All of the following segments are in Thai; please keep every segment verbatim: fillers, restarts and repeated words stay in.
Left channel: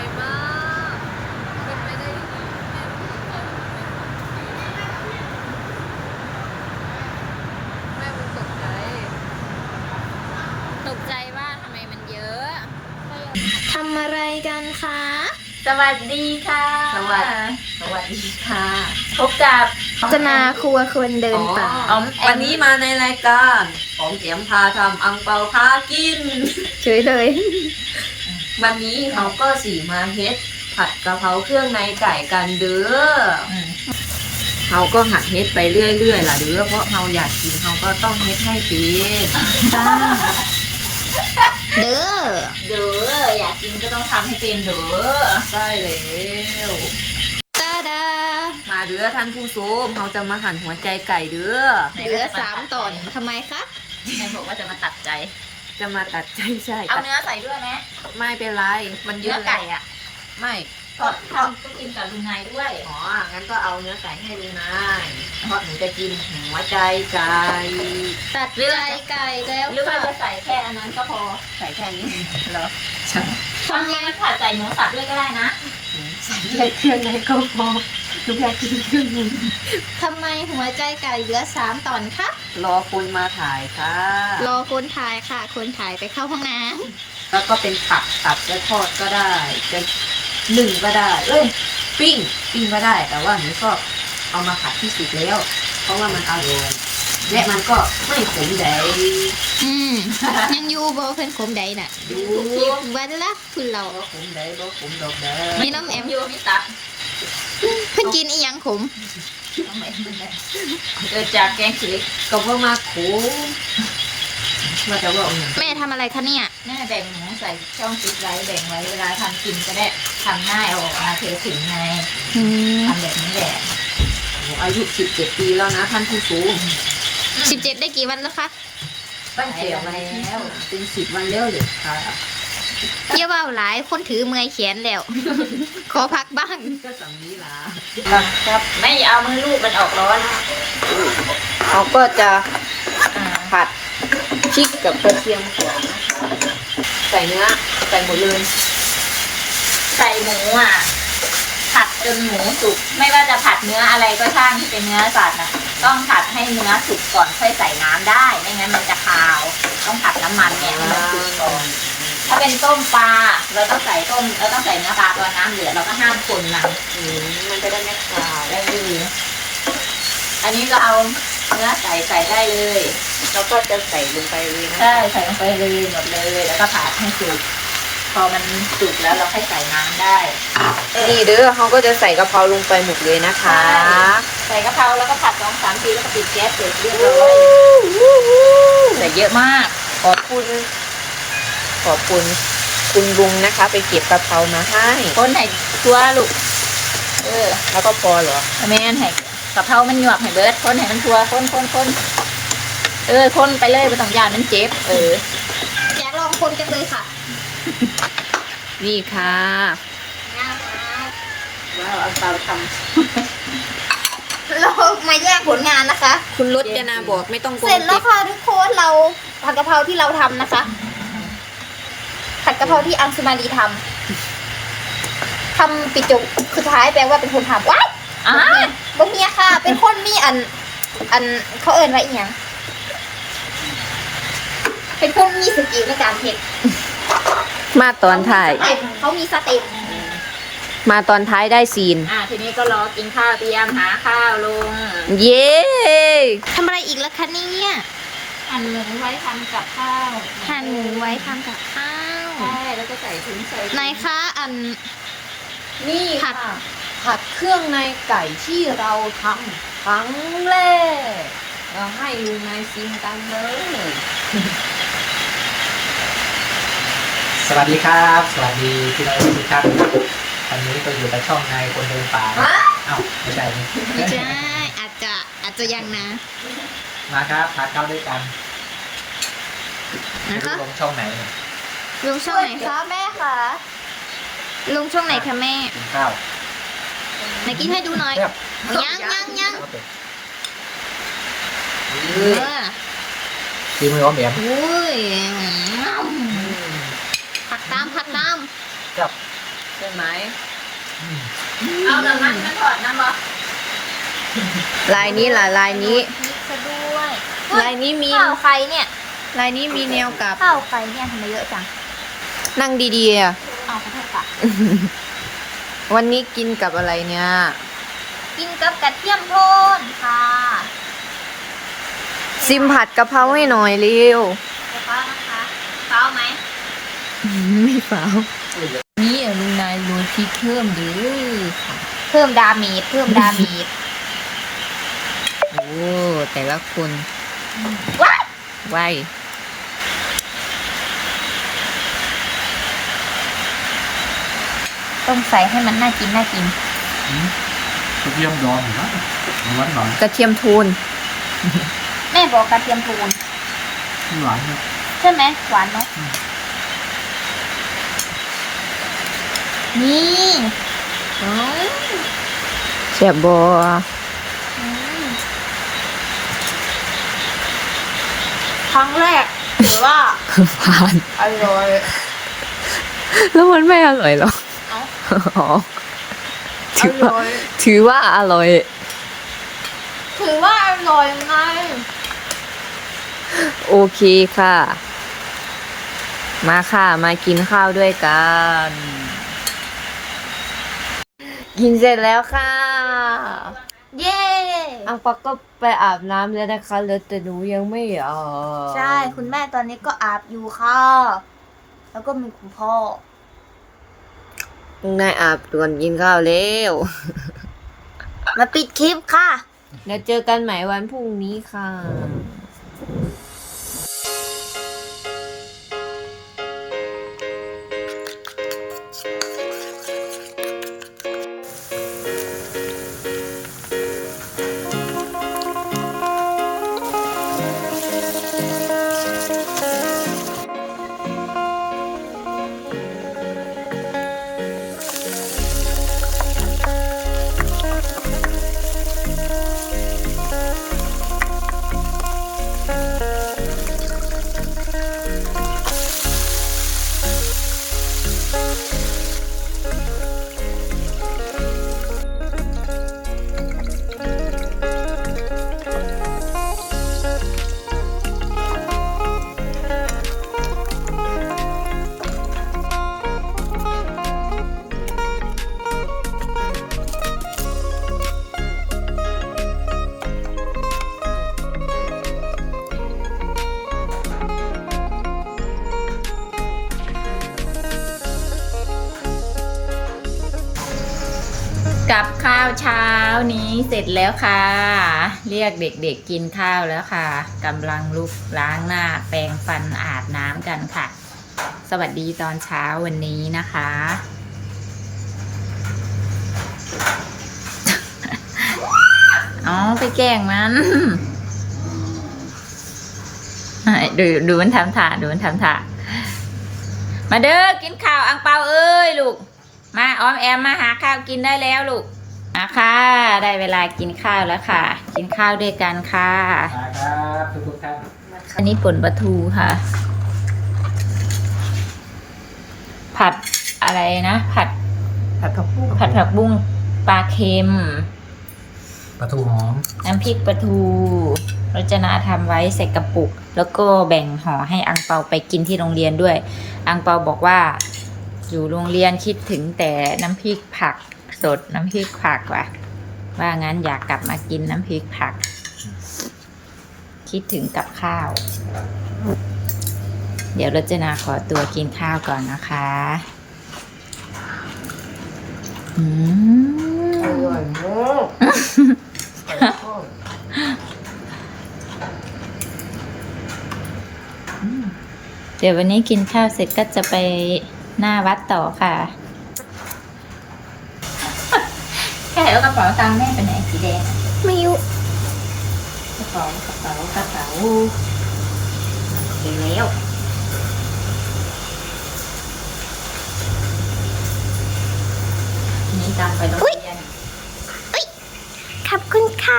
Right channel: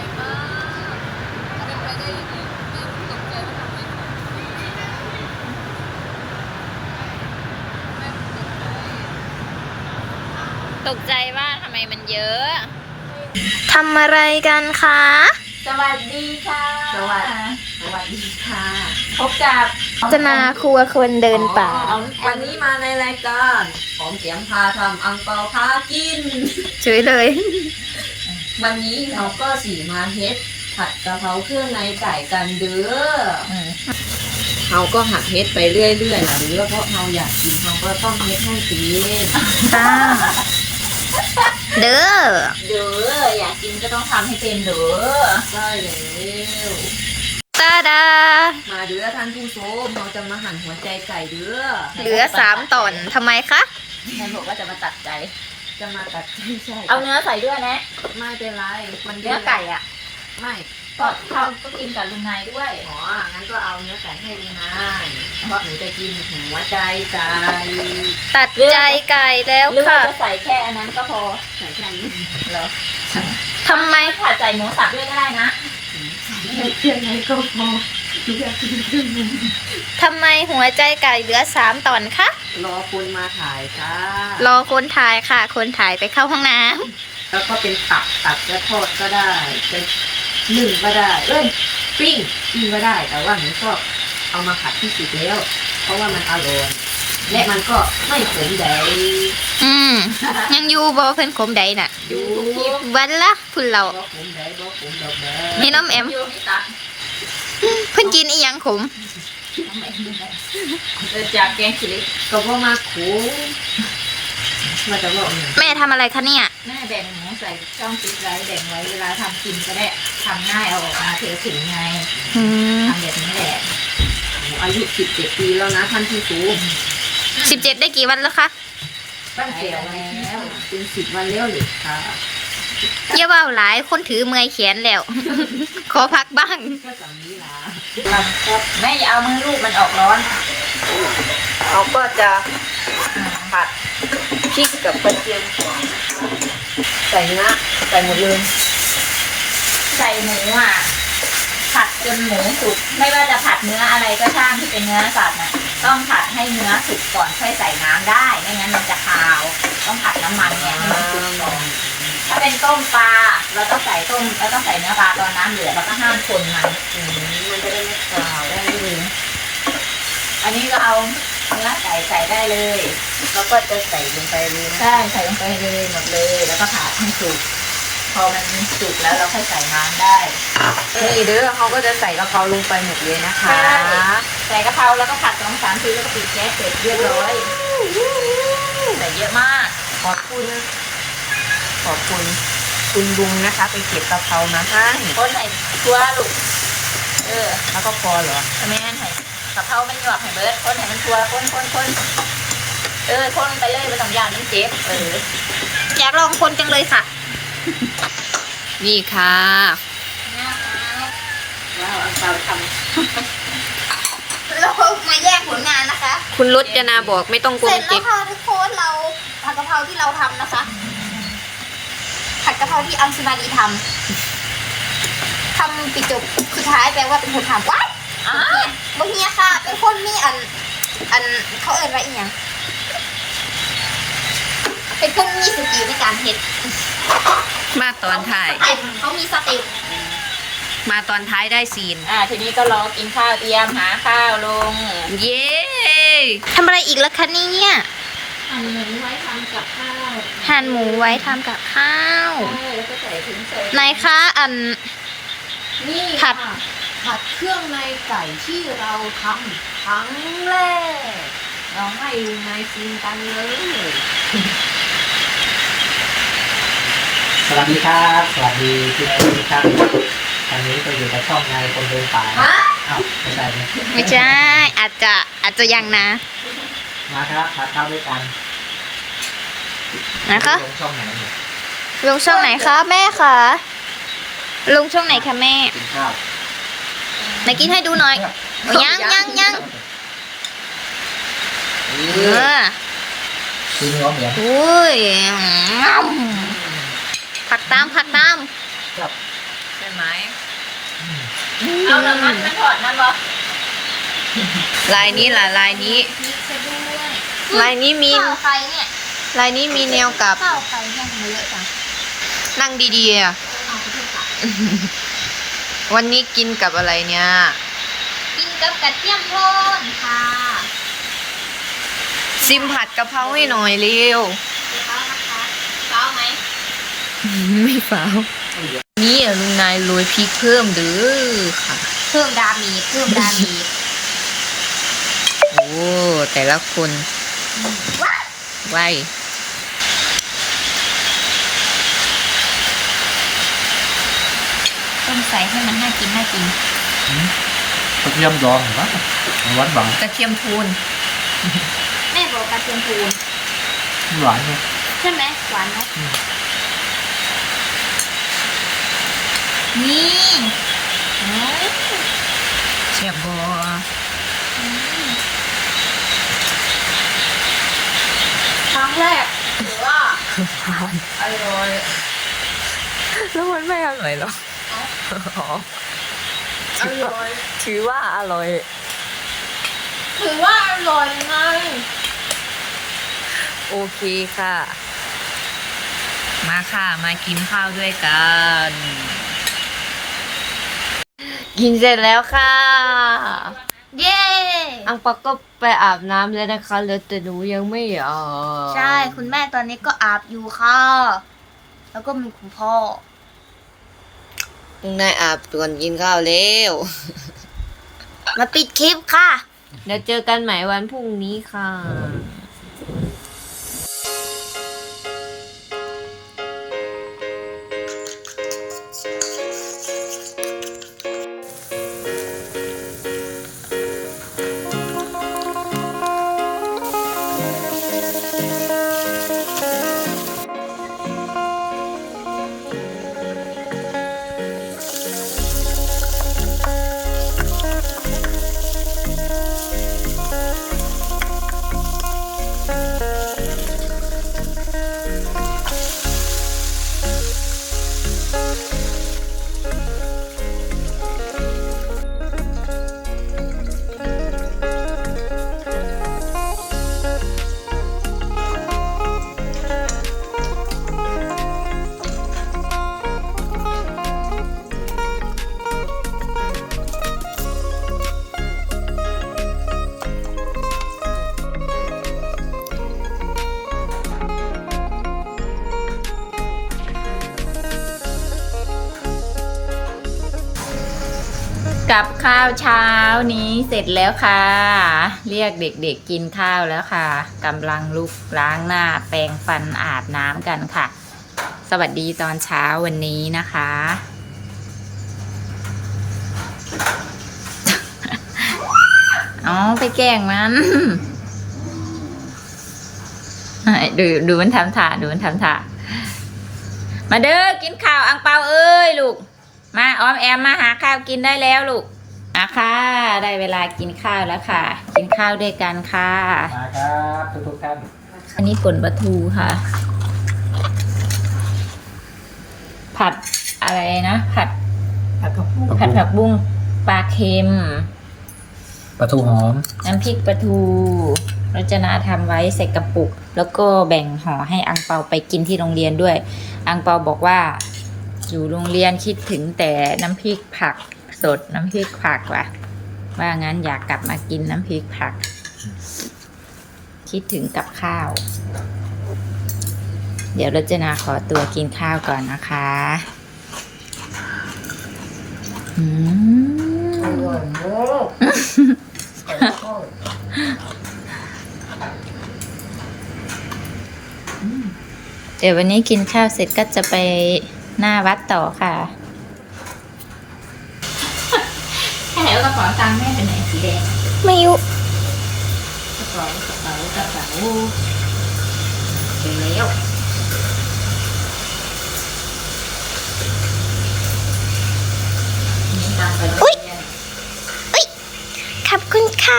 มากเป็นไปได้ยังไงแม่ตกใจว่าทำไมแม่ตกใจตกใจว่าทำไมมันเยอะทำอะไรกันคะสวัสดีค่ะสวัสดีสวัสดีค่ะพบกับจนาครัวคนเดินป่าวันนี้มาในรายการของเกียมพาทำอังเปาพากินเฉยเลยวันนี้เขาก็สีมาเฮ็ดผัดกะเพราเครื่องในไก่กันเด้อเขาก็หัดเฮ็ดไปเรื่อยๆล่ะเด้อเพราะเราอยากกินเขาก็ต้องเฮ็ดให้เป็นค่ะเด้อเด้ออยากกินก็ต้องทำให้เป็นเด้อใช่แล้วตาดามาเด้อท่านผู้ชมเราจะมาหั่นหัวใจไก่เด้อเหลือสามตอนทำไมคะใครบอกว่าจะมาตัดใจจะมาตัดใจใช่เอาเนื้อใส่ด้วยนะไม่เป็นไรมันเนื้อไก่อ่ะไม่เพราะทำก็กินกับลุงนายด้วยอ๋องั้นก็เอาเนื้อไก่ให้ลุงนายเพราะหนูจะกินหัวใจไก่ตัดใจไก่แล้วหรือค่ะว่าจะใส่แค่อันนั้นก็พอใส่แค่นี้เหรอทำไมถ้าใส่หมูสับด้วยก็ได้นะใส่แค่เครื่องในก็พอหนูอยากกินเครื่องนึงทำไมหัวใจไก่เหลือสามตอนคะรอคนมาถ่ายค่ะรอคนถ่ายค่ะ คนถ่ายไปเข้าห้องน้แล้วก็เป็นตับตัดจะทอดก็ได้จะหนึ่งก็ได้ เอ้ยปิ้งปิ้งก็ได้ แต่ว่าหนูชอบเอามาผัดที่สุดแล้ว เพราะว่ามันอร่อยและมันก็ไม่ขมใดำอืม ยังอยู่บ่เพิ่นขมใดน่ะดูวันละพุ่นเราบ่ขมใดบ่ขมดอกเด้อนี่น้องแอมโยไม่ตัดเพิ่นกินอีหยังขมเกิดจากแกงขี้เหล็กก็บ่มาขมมาจะบอกอย่างแม่ทำอะไรคะเนี่ยแม่แบ่งหมูใส่ช่องฟิตไว้แบ่งไว้เวลาทำกินก็ได้ทำง่ายเอาออกมาเทถึงไงอืมทำแบบนี้แหละหนูอายุสิบเจ็ดปีแล้วนะท่านผู้ชมสิบเจ็ดได้กี่วันแล้วคะตั้งแต่วันนี้เป็นสิบวันแล้วเลยค่ะอย่าว่าหลายคนถือเมื่อยแขนแล้ว ขอพักบ้างก็สำนี้ล่ะไม่อย่าเอามือลูบมันออกร้อนเราก็จะผัดพริกกับกระเทียมก่อนนะคะใส่เนื้อใส่หมดเลยใส่หมูอ่ะผัดจนหมูสุกไม่ว่าจะผัดเนื้ออะไรก็ช่างที่เป็นเนื้อสัตว์น่ะต้องผัดให้เนื้อสุกก่อนค่อยใส่น้ำได้ไม่งั้นมันจะคาว ต้องผัดน้ำมันเนี่ยให้มันสุกก่อนถ้าเป็นต้มปลาเราต้องใส่ต้มเราต้องใส่เนื้อปลาตอนน้ำเหลือเราก็ห้ามคนมันอืมมันจะได้ไม่ขาวได้เลยอันนี้ก็เอาเนื้อใส่ใส่ได้เลยแล้วก็จะใส่ลงไปเลยนะใช่ใส่ลงไปเลยหมดเลยแล้วก็ผัดให้สุกพอมันสุกแล้วเราค่อยใส่น้ำได้นี่เด้อเขาก็จะใส่กะเพราลงไปหมดเลยนะคะใส่กะเพราแล้วก็ผัดสองสามทีแล้วก็ปิดแก๊สเสร็จเรียบร้อยใส่เยอะมากขอบคุณ ขอบคุณคุณลุงนะคะ ไปเก็บกะเพรามาให้ต้นไห่ตัวลูกเออแล้วก็พอเหรอทำไมงั้นไห่กะเพรามันหยวกไห่เบิร์ดคนไห่มันทัวคนคนคนเออคนไปเลยไม่ต้องยานมันเจ็บเอออยากลองคนจังเลยค่ะนี่ค่ะเนี่ยครับแล้วเอาตามคเรามาแยกผลงานนะคะำคุณรจนาบอกไม่ต้องกลัวเสร็จมันแล้เจ็วบค่ะทุกคนเราผัดกะเพราที่เราทำนะคะผัดกะเพราที่อัญชุมารีทำทำปิดจบสุดท้ายแปลว่าเป็นคนทำว้ายอ่ะบางเฮียค่ะ เป็นคนมีอัน อันเขาเอินอะไรอีกอย่างเป็นคนมีสกิลในการเฮ็ดมาตอนถ่ายสเต็ปเขามีสเต็ปมาตอนท้ายได้ซีนอ่าทีนี้ก็รอกินข้าวเตรียมหาข้าวลงเย้ทำอะไรอีกแล้วคะเนี่ยหั่นหมูไว้ทำกับข้าวหั่นหมูไว้ทำกับข้าวใช่แล้วก็ใส่ถุงใส่ไหนคะอันนี่ผัดค่ะผัดเครื่องในไก่ที่เราทำครั้งแรกเราให้ดูในซีนกันเลยสวัสดีครับ สวัสดีพี่น้องทุกท่านครับตอนนี้ก็อยู่กับช่องนายคนเดินป่าเอ้าไม่ใช่นี่ไม่ใช่ อาจจะอาจจะยังนะมาครับทานข้าวด้วยกันนะคะลงช่องไหนเนี่ยลงช่องไหนคะแม่คะลงช่องไหนคะแม่กินข้าวไหนกินให้ดูหน่อยโอ้ยังยังยังเออกินมืออ้อมแหมอุ้ยผักตามผักตามครับช่ไหมเอาน้ำมันมันถอดน้ำบ่ลายนี้ล่ะลายนี้พริกซะด้วยลายนี้มีข้าวใครเนี่ยลายนี้มีแนวกลับข้าวใครเนี่ยทำไมเยอะจังนั่งดีๆอ่ะเอาไปเถอะค่ะวันนี้กินกับอะไรเนี่ยกินกับกระเทียมโทนค่ะซิมผัดกะเพราให้หน่อยเร็วเดี๋ยวก็นะคะเช้าไหมไม่เปล่านี่อ่ะลุงนายโรยพริกเพิ่มเด้อค่ะเพิ่มดาเมจเพิ่มดาเมจโอ้แต่ละคนว้ายไวต้องใส่ให้มันน่ากินน่ากินกระเทียมดองเห็นไหมหวานหวานกระเทียมทูนแม่บอกกระเทียมทูนหวานเนี่ยใช่ไหมหวานเนาะนี่แซ่บบัวอืมครั้งแรกถือว่าหวานอร่อยแล้วมันไม่อร่อยหรอเอาอ๋ออถือร่ว่าอยถือว่าอร่อยถือว่าอร่อยไงโอเคค่ะ มาค่ะ มากินข้าวด้วยกัน กินเสร็จแล้วค่ะเย้อังปอกก็ไปอาบน้ำแล้วนะคะแล้วแต่หนูยังไม่อาบใช่คุณแม่ตอนนี้ก็อาบอยู่ค่ะ แล้วก็มีคุณพ่อต้องได้อาบส่วนกินข้าวเร็วมาปิดคลิปค่ะเดี๋ยวเจอกันใหม่วันพรุ่งนี้ค่ะกับข้าวเช้านี้เสร็จแล้วค่ะ เรียกเด็กๆกินข้าวแล้วค่ะกำลังลุกล้างหน้าแปรงฟันอาบน้ำกันค่ะ สวัสดีตอนเช้าวันนี้นะคะ อ๋อไปแกล้งมัน ดูดูมันทำท่าดูมันทำท่ามาเด้อกินข้าวอังเปาเอ้ยลูกมาออมแอมมาหาข้าวกินได้แล้วลูกอ่ะค่ะได้เวลากินข้าวแล้วค่ะ กินข้าวด้วยกันค่ะมาครับทุกๆท่านอันนี้ป่นปลาทูค่ะ ผัดอะไรนะผัดผัดผักบุ้งผัดผักบุ้งปลาเค็มปลาทูหอมน้ำพริกปลาทูรจนาทำไว้ใส่กระปุก แล้วก็แบ่งห่อให้อังเปาไปกินที่โรงเรียนด้วย อังเปาบอกว่าอยู่โรงเรียนคิดถึงแต่น้ำพริกผักสดน้ำพริกผักว่ะว่างั้นอยากกลับมากินน้ำพริกผัก คิดถึงกับข้าว เดี๋ยวรจนาขอตัวกินข้าวก่อนนะคะอืมอร่อยมากเดี๋ยววันนี้กินข้าวเสร็จก็จะไปหน้าวัดต่อค่ะแค่แล้วกระเป๋าตังค์แม่เป็นไหนสีแดงไม่ยุกระเป๋ากระเป๋ากระเป๋าถึงแล้วมีตังค์ไปโรงเรียนขอบคุณค่ะ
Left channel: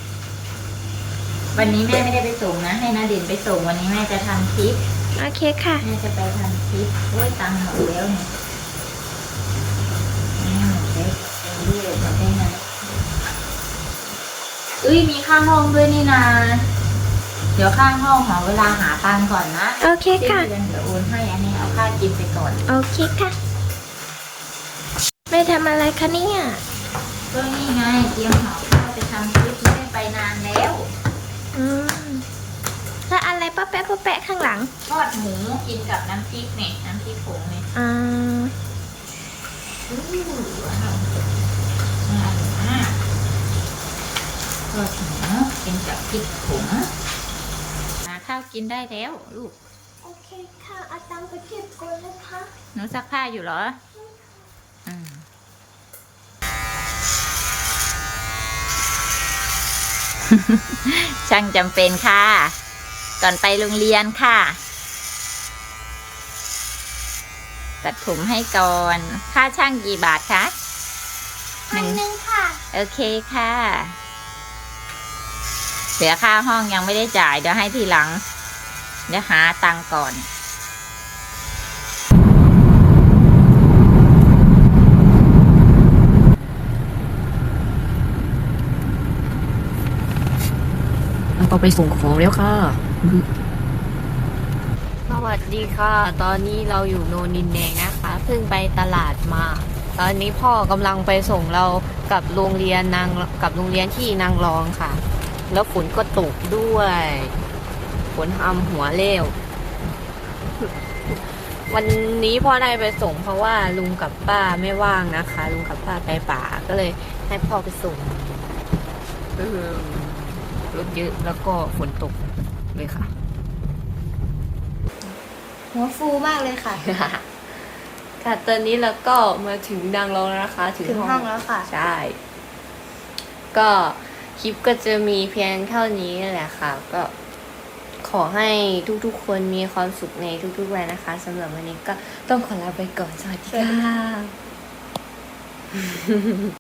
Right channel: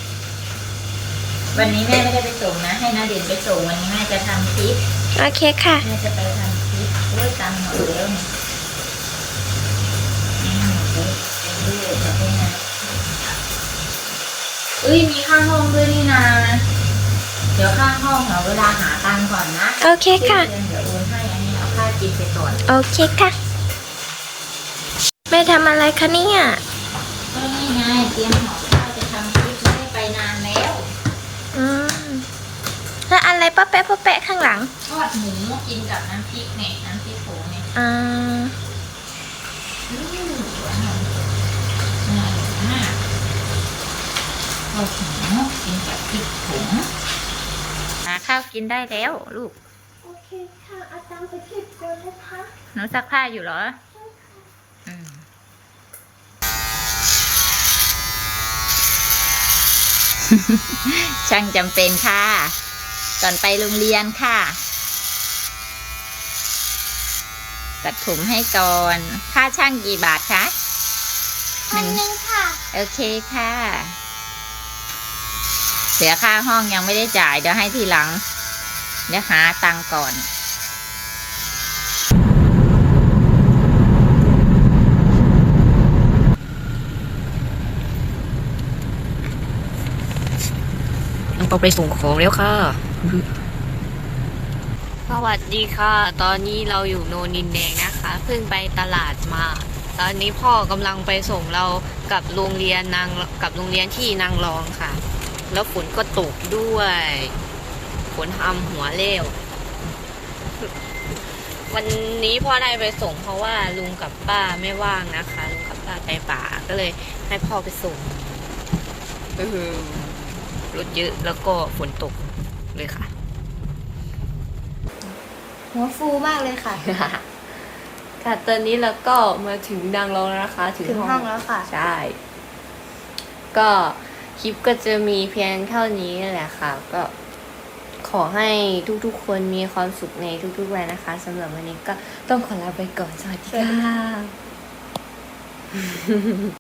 วันนี้แม่ไม่ได้ไปส่งนะ ให้นาเด่นไปส่งวันนี้แม่จะทำคลิปโอเคค่ะแม่จะไปทำคลิปโอ้ยตังค์หมดแล้วเนี่ยเอ้ยมีข้างห้องด้วยนี่นาเดี๋ยวข้างห้องหาเวลาหาตังค์ก่อนนะโอเคค่ะเดี๋ยวโอนให้อันนี้เอาค่ากินไปก่อนโอเคค่ะ แม่ทำอะไรคะเนี่ยก็นี่ไงเตรียมห่อข้าวจะทำคลิปไม่ได้ไปนานแล้วอืมแล้วอะไรป้าแปะป้าแปะข้างหลังทอดหมูกินกับน้ำพริกเนี่ยน้ำพริกผงเนี่ยอ่าอื้อหือน่าอร่อยมากทอดหมูกินกับพริกผงหาข้าวกินได้แล้วลูกโอเคค่ะเอาตังค์ไปเก็บก่อนนะคะหนูซักผ้าอยู่เหรออืมช่างจำเป็นค่ะ ก่อนไปโรงเรียนค่ะ ตัดผมให้ก่อน ค่าช่างกี่บาทคะหพันนึ่งหนึ่งค่ะโอเคค่ะ เสียค่าห้องยังไม่ได้จ่าย เดี๋ยวให้ทีหลัง เดี๋ยวหาตังค์ก่อนต้องไปส่งของแล้วค่ะ สวัสดีค่ะ ตอนนี้เราอยู่โนนดินแดงนะคะ เพิ่งไปตลาดมา ตอนนี้พ่อกำลังไปส่งเรากับโรงเรียนนางกับโรงเรียนที่นางรองค่ะ แล้วฝนก็ตกด้วยฝนทำหัวเร็ว วันนี้พ่อได้ไปส่งเพราะว่าลุงกับป้าไม่ว่างนะคะ ลุงกับป้าไปป่าก็เลยให้พ่อไปส่งอืมรถเยอะแล้วก็ฝนตกเลยค่ะหัวฟูมากเลยค่ะค่ะตอนนี้เราก็มาถึงนางรองแล้วนะคะถึงห้องแล้วค่ะใช่ ก็คลิปก็จะมีเพียงเท่านี้แหละค่ะ ก็ขอให้ทุกๆคนมีความสุขในทุกๆวันนะคะสำหรับวันนี้ก็ต้องขอลาไปก่อน สวัสดีค่ะ